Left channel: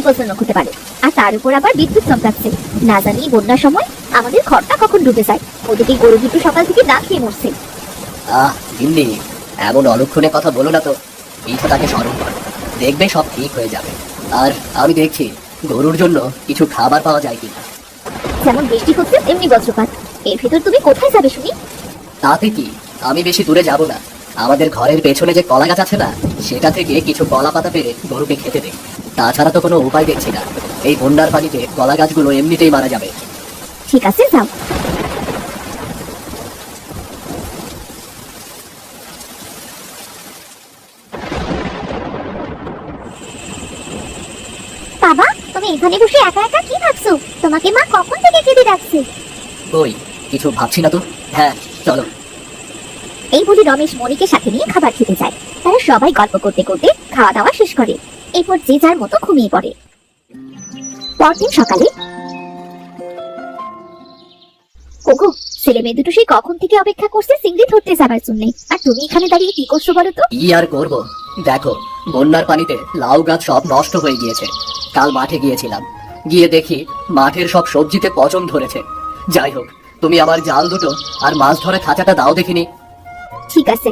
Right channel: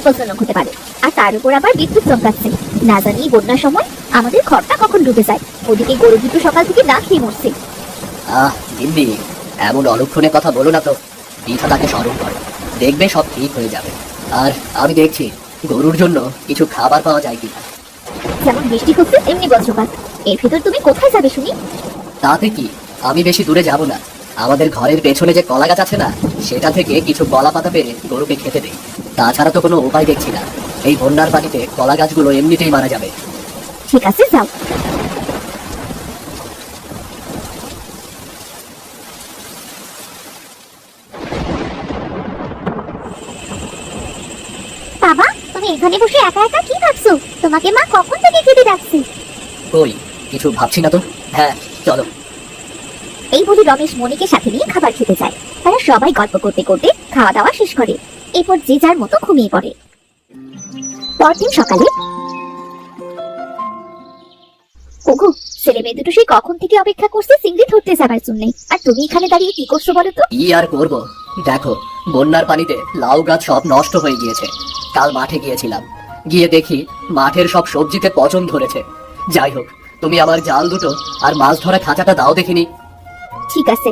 বিপজ্জনক হতে পারে। আর তার উপর আবার বিদ্যুৎ চমকাচ্ছে। না জানি বন্যার সময় আমাদের ঘরটা কখন ডুবে যায়। ওদিকে গরু দুটো সকাল থেকে না খেয়ে মরছে। আহ গিন্নি এমন অলক্ষণে কথা বলো না তো। স্মরণ করো। দেখবে সব ঠিক হয়ে যাবে। আর আমি দেখছি গরুর জন্য কিছু খাবার পাওয়া যায় কিনা। যেমন বৃষ্টি হচ্ছে তেমনি বজ্রপাত। এর ভিতর তুমি কোথায় যাবে শুনি? তাতে কি? আমি বেশি দূরে যাব না। আমাদের ঘরের পেছনে যে কলা গাছ আছে না সেটা থেকে কিছু কলা পাতা পেরে গরুকে খেতে দেই তাছাড়া তো কোনো উপায় দেখছি না। এই বন্যার পানিতে কলা গাছগুলো এমনিতেই মারা যাবে। ঠিক আছে যাও। বাবা তুমি এখানে বসে একা একা কি ভাবছ? তোমাকে মা কখন থেকে খেতে ডাকছে? ওই কিছু ভাবছি না তো? হ্যাঁ চলো। এই বলে রমেশ মনিকে সাথে নিয়ে খাবার খেতে যায়। সবাই গল্প করতে করতে খাওয়া দাওয়া শেষ করে। এরপর যে যার মতো ঘুমিয়ে পড়ে। পরদিন সকালে কোকো ছেলে মেয়ে দুটো সেই কখন থেকে অপেক্ষা করছে চিংড়ি ধরতে যাবার জন্য। আর তুমি এখানে দাঁড়িয়ে কি করছ বলো তো? কি আর করব? দেখো বন্যার পানিতে লাউ গাছ সব নষ্ট হয়ে গিয়েছে। কাল মাঠে গিয়েছিলাম। গিয়ে দেখি মাঠের সব সবজিতে পচন ধরেছে। যাই হোক তুমি আমার জাল দুটো আর মাছ ধরা খাঁচাটা দাও দেখিনি। ঠিক আছে